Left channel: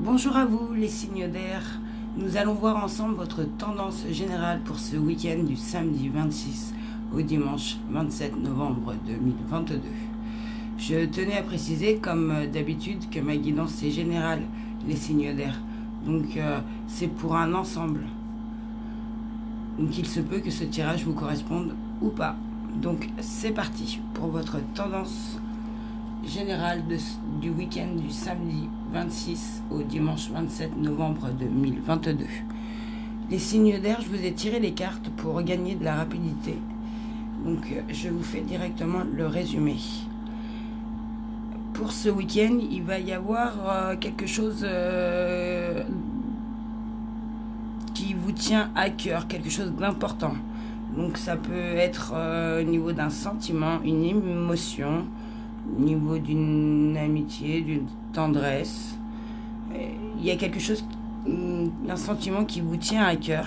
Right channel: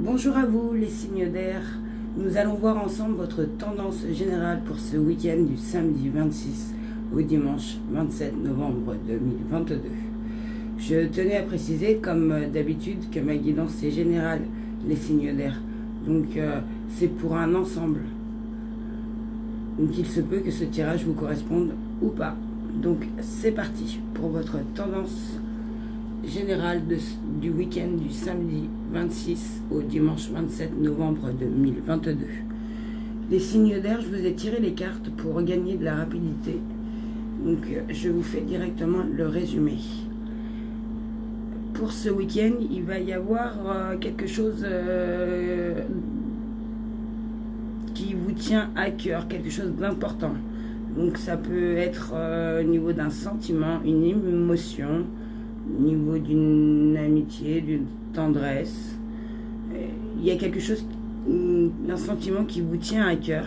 Bonjour à vous les signes d'air, nous allons voir ensemble votre tendance générale pour ce week-end du samedi 26 au dimanche 27 novembre 2022. Je tenais à préciser comme d'habitude que ma guidance est générale les signes d'air, donc c'est pour un ensemble. Donc il se peut que ce tirage vous corresponde ou pas. Donc c'est parti pour votre tendance générale du week-end du samedi 26 au dimanche 27 novembre 2022. Les signes d'air, je vous ai tiré les cartes pour gagner de la rapidité. Donc je vous fais directement le résumé. Pour ce week-end, il va y avoir quelque chose qui vous tient à cœur, quelque chose d'important. Donc ça peut être au niveau d'un sentiment, une émotion, au niveau d'une amitié, d'une tendresse. Il y a quelque chose, un sentiment qui vous tient à cœur,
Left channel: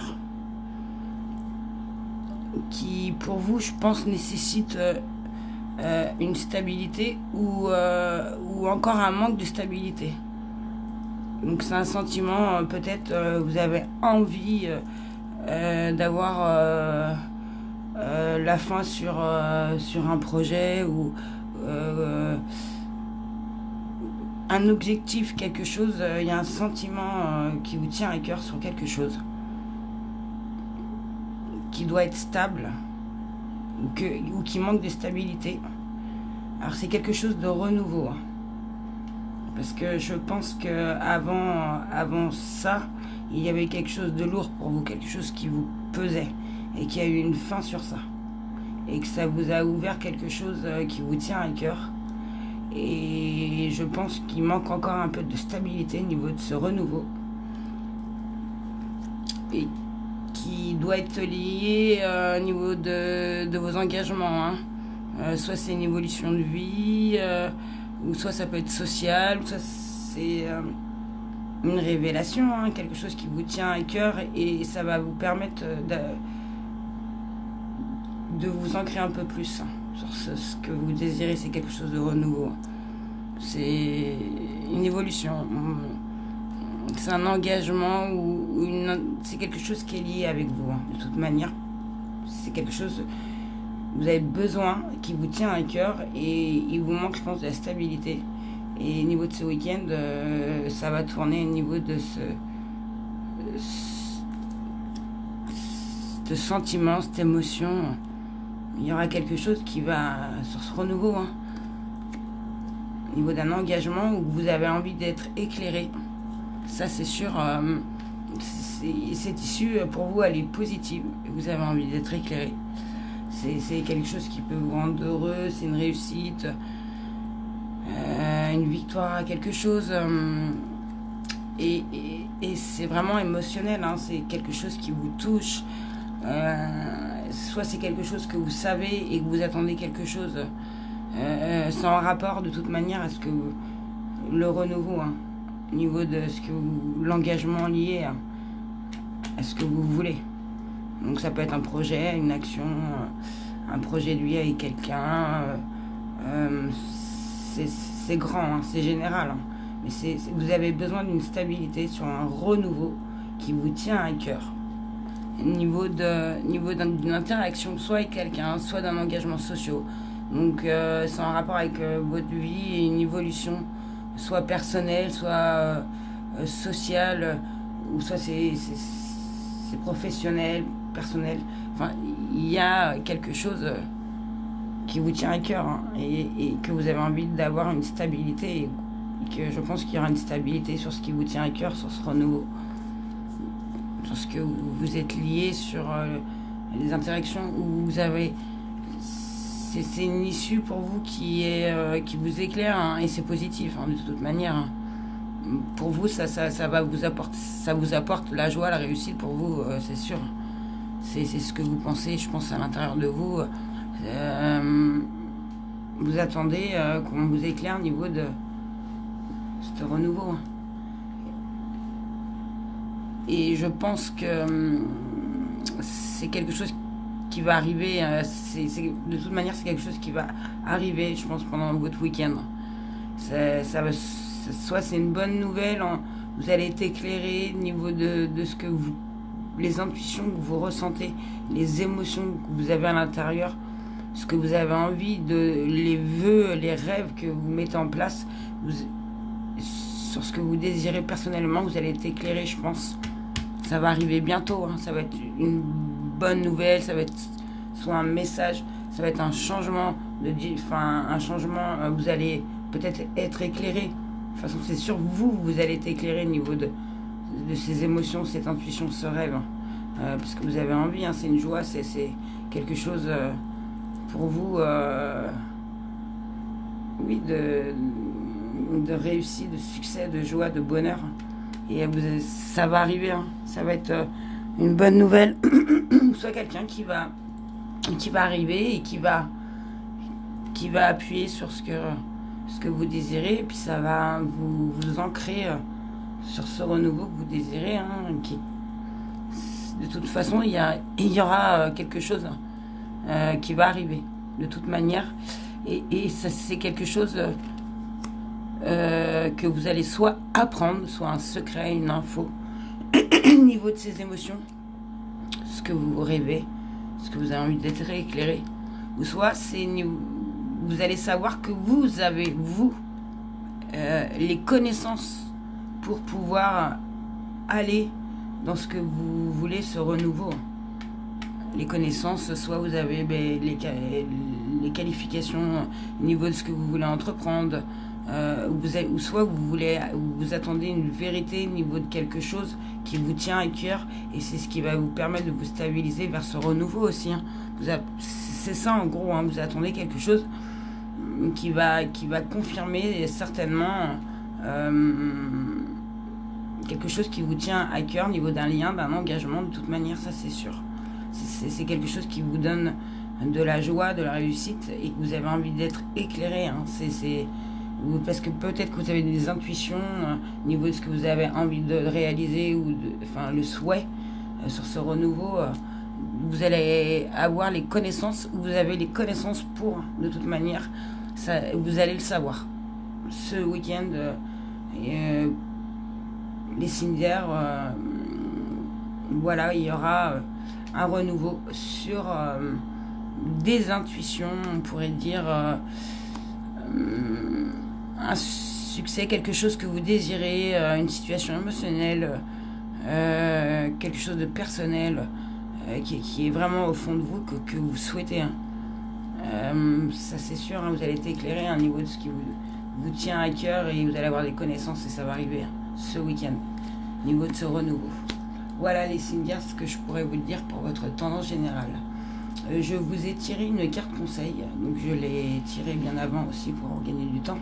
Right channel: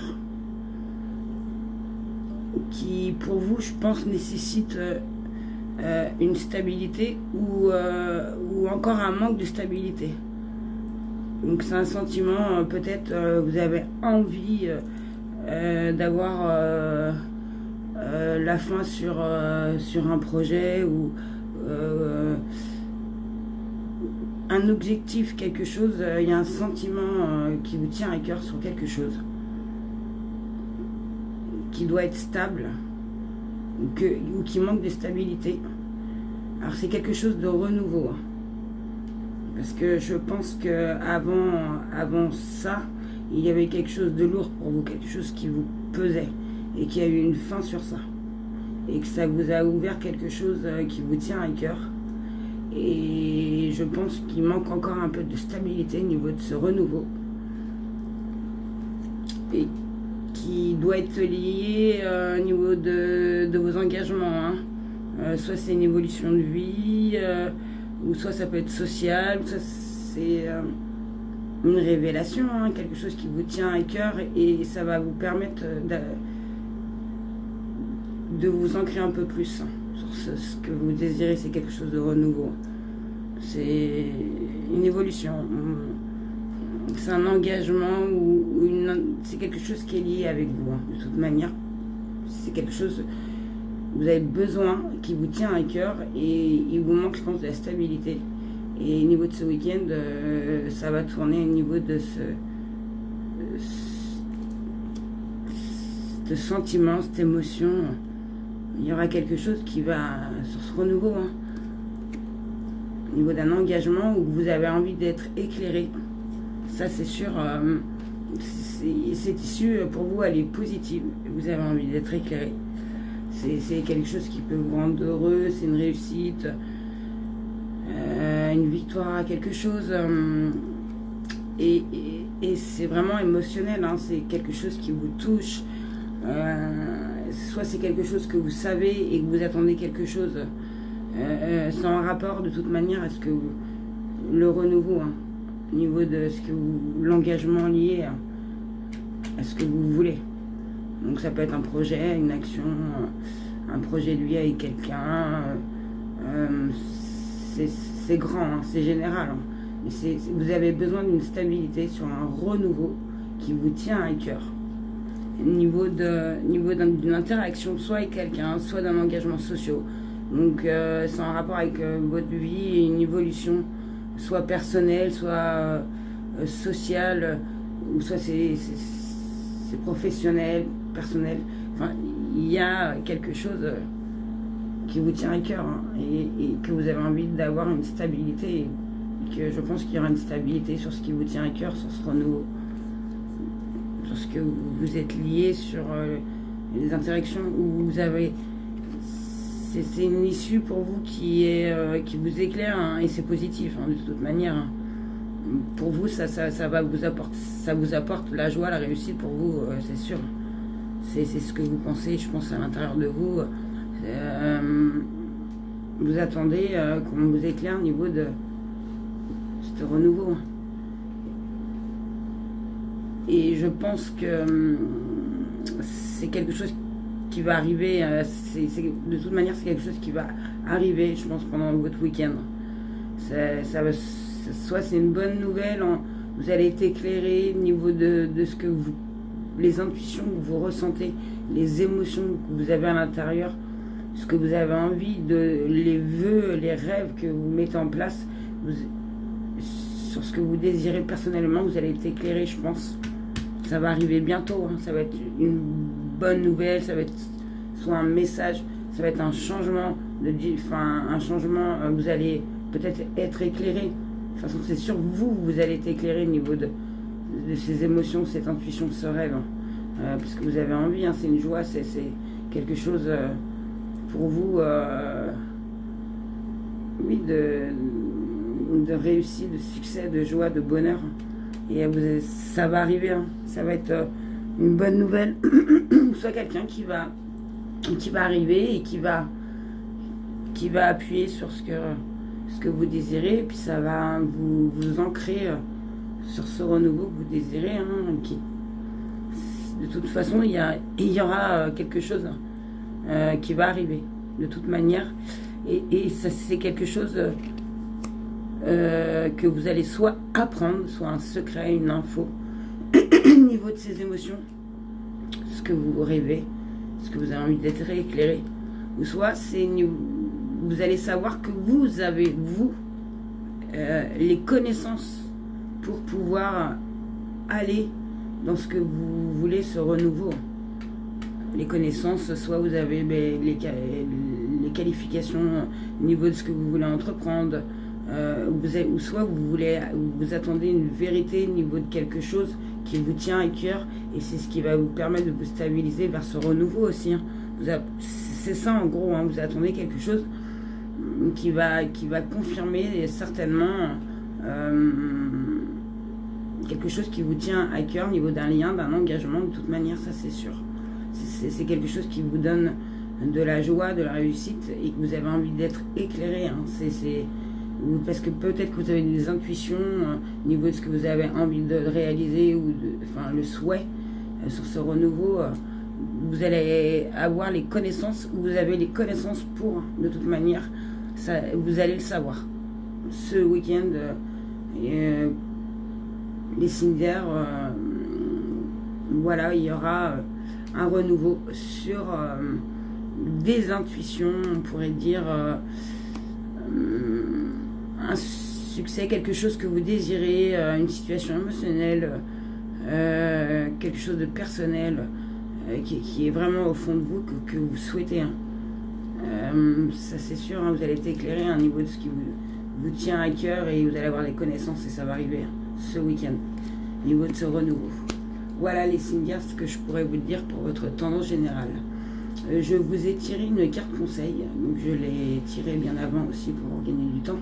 qui pour vous, je pense, nécessite une stabilité ou encore un manque de stabilité. Donc c'est un sentiment, peut-être vous avez envie d'avoir la fin sur un projet ou un objectif, quelque chose, il y a un sentiment qui vous tient à cœur sur quelque chose qui doit être stable ou qui manque de stabilité. Alors c'est quelque chose de renouveau, hein. Parce que je pense que avant ça, il y avait quelque chose de lourd pour vous, quelque chose qui vous pesait et qui a eu une fin sur ça. Et que ça vous a ouvert quelque chose qui vous tient à cœur. Et je pense qu'il manque encore un peu de stabilité au niveau de ce renouveau. Et qui doit être lié au niveau de vos engagements, hein. Soit c'est une évolution de vie, ou soit ça peut être social, soit c'est une révélation, hein, quelque chose qui vous tient à cœur et ça va vous permettre de vous ancrer un peu plus, hein, sur ce que vous désirez. C'est quelque chose de renouveau, c'est une évolution, c'est un engagement ou c'est quelque chose qui est lié avec vous, hein. De toute manière c'est quelque chose, vous avez besoin, qui vous tient à cœur et il vous manque, je pense, de la stabilité. Et au niveau de ce week-end, ça va tourner au niveau de ce sentiment, cette émotion. Il y aura quelque chose qui va, sur ce renouveau, hein, au niveau d'un engagement où vous avez envie d'être éclairé. Ça, c'est sûr, cette issue, pour vous, elle est positive. Vous avez envie d'être éclairé. C'est quelque chose qui peut vous rendre heureux, c'est une réussite, une victoire, quelque chose. Et c'est vraiment émotionnel, hein, c'est quelque chose qui vous touche. Soit c'est quelque chose que vous savez et que vous attendez quelque chose sans rapport de toute manière à ce que le renouveau, hein, au niveau de ce que l'engagement lié à ce que vous voulez. Donc ça peut être un projet, une action, un projet de vie avec quelqu'un. C'est grand, hein, c'est général, hein, mais vous avez besoin d'une stabilité sur un renouveau qui vous tient à cœur. Niveau d'une interaction, soit avec quelqu'un, soit d'un engagement social. Donc c'est en rapport avec votre vie et une évolution, soit personnelle, soit sociale, ou soit c'est professionnel, personnel. Enfin, il y a quelque chose qui vous tient à cœur, hein, et que vous avez envie d'avoir une stabilité, et que je pense qu'il y aura une stabilité sur ce qui vous tient à cœur, sur ce renouveau, sur ce que vous êtes lié, sur les interactions où vous avez, c'est une issue pour vous qui vous éclaire, hein, et c'est positif, hein, de toute manière, hein. Pour vous, ça va vous apporter, ça vous apporte la joie, la réussite pour vous, c'est sûr. C'est ce que vous pensez, je pense, à l'intérieur de vous. Vous attendez qu'on vous éclaire au niveau de ce renouveau. Et je pense que c'est quelque chose qui va arriver. De toute manière, c'est quelque chose qui va arriver, je pense, pendant votre week-end. Soit c'est une bonne nouvelle vous allez être éclairé au niveau de ce que vous, les intuitions que vous ressentez, les émotions que vous avez à l'intérieur, ce que vous avez envie de, les vœux, les rêves que vous mettez en place, sur ce que vous désirez personnellement, vous allez être éclairé, je pense. Ça va arriver bientôt, hein. Ça va être une bonne nouvelle, ça va être soit un message, ça va être un changement, un changement, vous allez peut-être être éclairé. De toute façon, c'est sur vous, vous allez être éclairé au niveau de ces émotions, cette intuition, ce rêve. Parce que vous avez envie, hein, c'est une joie, c'est quelque chose pour vous, oui, de réussite, de succès, de joie, de bonheur. Et ça va arriver, hein. Ça va être une bonne nouvelle. Soit quelqu'un qui va arriver et qui va appuyer sur ce que vous désirez, et puis ça va vous ancrer sur ce renouveau que vous désirez, hein, de toute façon, il y aura quelque chose qui va arriver, de toute manière, et ça, c'est quelque chose que vous allez soit apprendre, soit un secret, une info, au niveau de ces émotions, ce que vous rêvez, ce que vous avez envie d'être éclairé, ou soit vous allez savoir que vous avez, les connaissances pour pouvoir aller dans ce que vous voulez, ce renouveau. Les connaissances, soit vous avez les qualifications au niveau de ce que vous voulez entreprendre, ou soit vous attendez une vérité au niveau de quelque chose qui vous tient à cœur, et c'est ce qui va vous permettre de vous stabiliser vers ce renouveau aussi, hein. C'est ça en gros, hein, vous attendez quelque chose qui va confirmer certainement quelque chose qui vous tient à cœur au niveau d'un lien, d'un engagement, de toute manière, ça c'est sûr. C'est quelque chose qui vous donne de la joie, de la réussite, et que vous avez envie d'être éclairé, hein. Parce que peut-être que vous avez des intuitions au niveau de ce que vous avez envie de réaliser, ou le souhait sur ce renouveau. Vous allez avoir les connaissances, vous avez les connaissances pour, de toute manière, ça, vous allez le savoir. Ce week-end, les Cindières, voilà, il y aura un renouveau sur des intuitions, on pourrait dire, un succès, quelque chose que vous désirez, une situation émotionnelle, quelque chose de personnel, qui est vraiment au fond de vous, que vous souhaitez, hein. Ça c'est sûr, hein, vous allez être éclairé à un niveau de ce qui vous tient à cœur, et vous allez avoir des connaissances, et ça va arriver, hein, ce week-end, au niveau de ce renouveau. Voilà les signes, ce que je pourrais vous dire pour votre tendance générale. Je vous ai tiré une carte conseil, donc je l'ai tirée bien avant aussi pour gagner du temps.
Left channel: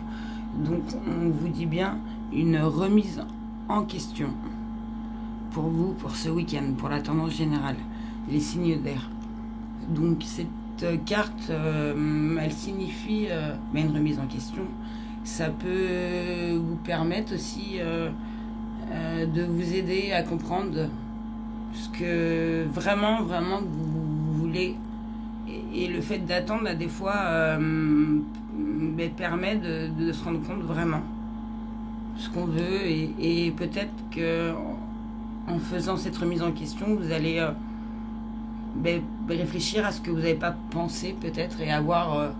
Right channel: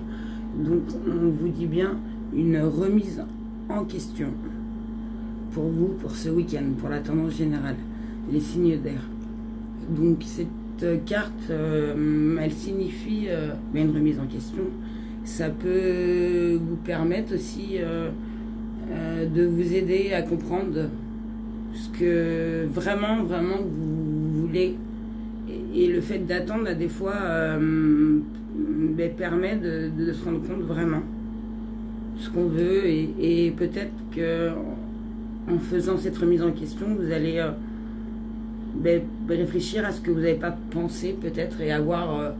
Donc on vous dit bien une remise en question pour vous, pour ce week-end, pour la tendance générale, les signes d'air. Donc cette carte, elle signifie une remise en question. Ça peut vous permettre aussi de vous aider à comprendre ce que vraiment vous voulez, et le fait d'attendre, à des fois permet de se rendre compte vraiment ce qu'on veut, et peut-être que en faisant cette remise en question, vous allez réfléchir à ce que vous n'avez pas pensé peut-être, et avoir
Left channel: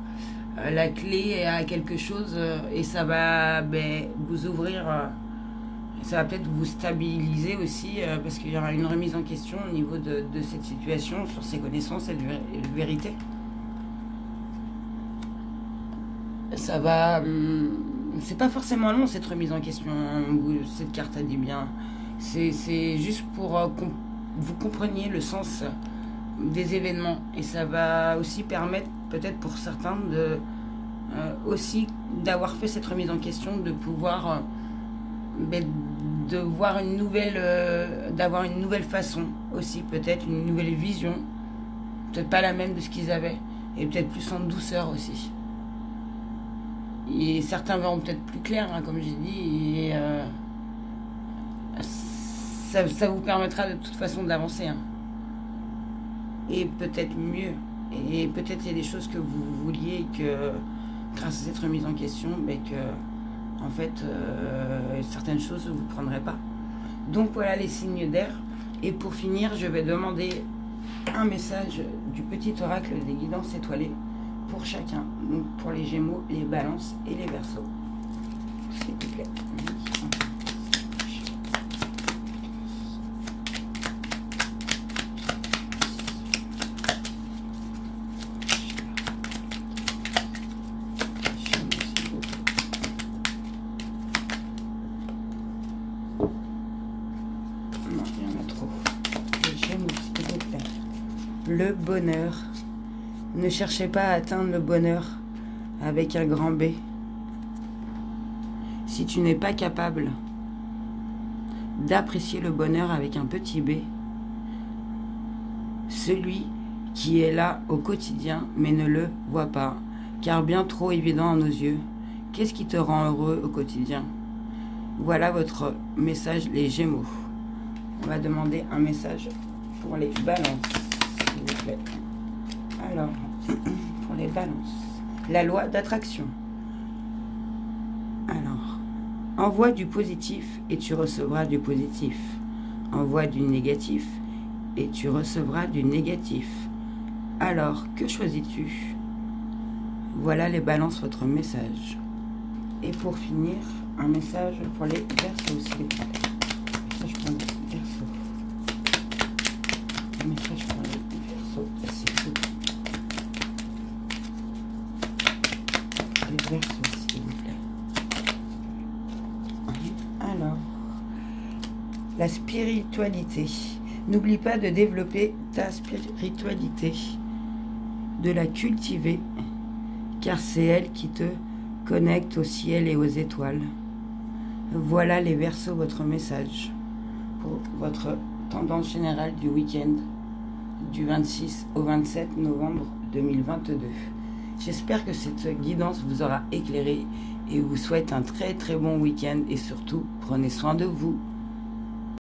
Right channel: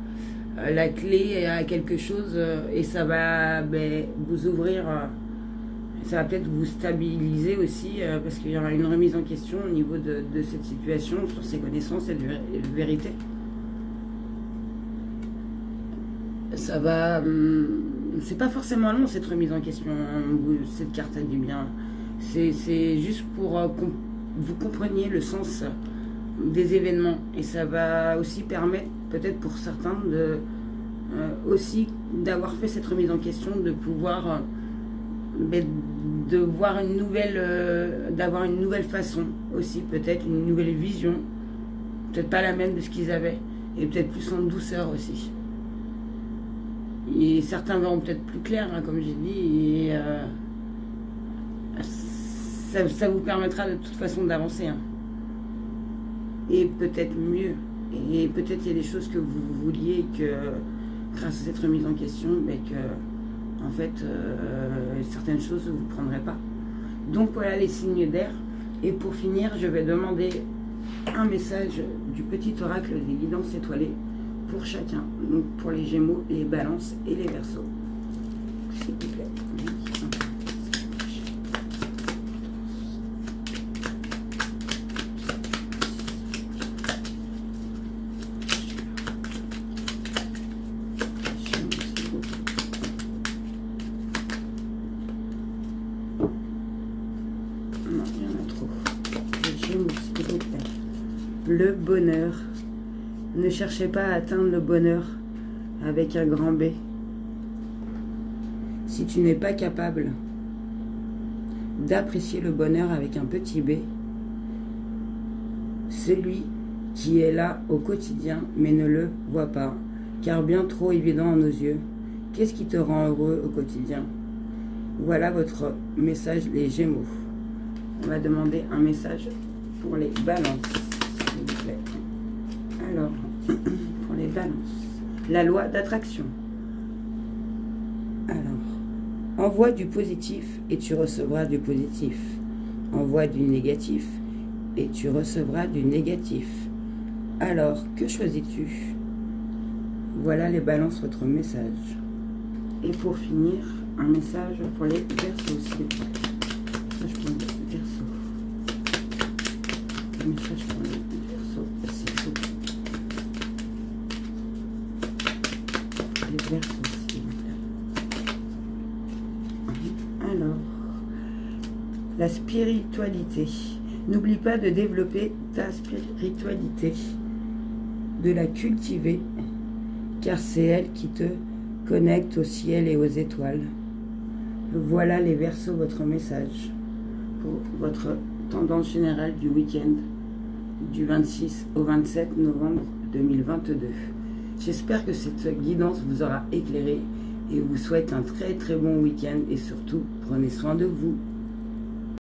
la clé à quelque chose, et ça va vous ouvrir, ça va peut-être vous stabiliser aussi, parce qu'il y aura une remise en question au niveau de cette situation, sur ses connaissances et de vérité. Ça va, c'est pas forcément long cette remise en question, cette carte a dit bien, c'est juste pour que vous compreniez le sens des événements, et ça va aussi permettre peut-être pour certains aussi d'avoir fait cette remise en question, de pouvoir de voir une nouvelle, d'avoir une nouvelle façon aussi, peut-être une nouvelle vision, peut-être pas la même de ce qu'ils avaient, et peut-être plus en douceur aussi. Et certains verront peut-être plus clair, hein, comme j'ai dit, et ça vous permettra de toute façon d'avancer, hein. Et peut-être mieux, et peut-être il y a des choses que vous vouliez, que grâce à cette remise en question, que en fait certaines certaines choses, vous ne prendrez pas. Donc voilà les signes d'air. Et pour finir, je vais demander un message du petit oracle des guidances étoilées pour chacun. Donc pour les Gémeaux, les Balances et les Verseaux. S'il vous plaît. Non, il y en a trop. Les Gémeaux, s'il vous plaît. Le bonheur. Ne cherchez pas à atteindre le bonheur avec un grand B. Si tu n'es pas capable d'apprécier le bonheur avec un petit b, celui qui est là au quotidien mais ne le voit pas, car bien trop évident à nos yeux. Qu'est-ce qui te rend heureux au quotidien? Voilà votre message, les Gémeaux. On va demander un message pour les Balances, s'il vous plaît. Alors, pour les Balances, la loi d'attraction. Alors, envoie du positif et tu recevras du positif. Envoie du négatif et tu recevras du négatif. Alors, que choisis-tu? Voilà les Balances, votre message. Et pour finir, un message pour les Verseaux, s'il vous plaît. Ça, je prends les Verseaux. Un message pour les Verseaux, s'il vous plaît. Les Verseaux, s'il vous plaît. Alors, la spiritualité. N'oublie pas de développer ta spiritualité, de la cultiver, car c'est elle qui te connecte au ciel et aux étoiles. Voilà les Verseaux, votre message pour votre tendance générale du week-end du 26 au 27 novembre 2022. J'espère que cette guidance vous aura éclairé et vous souhaite un très très bon week-end et surtout prenez soin de vous.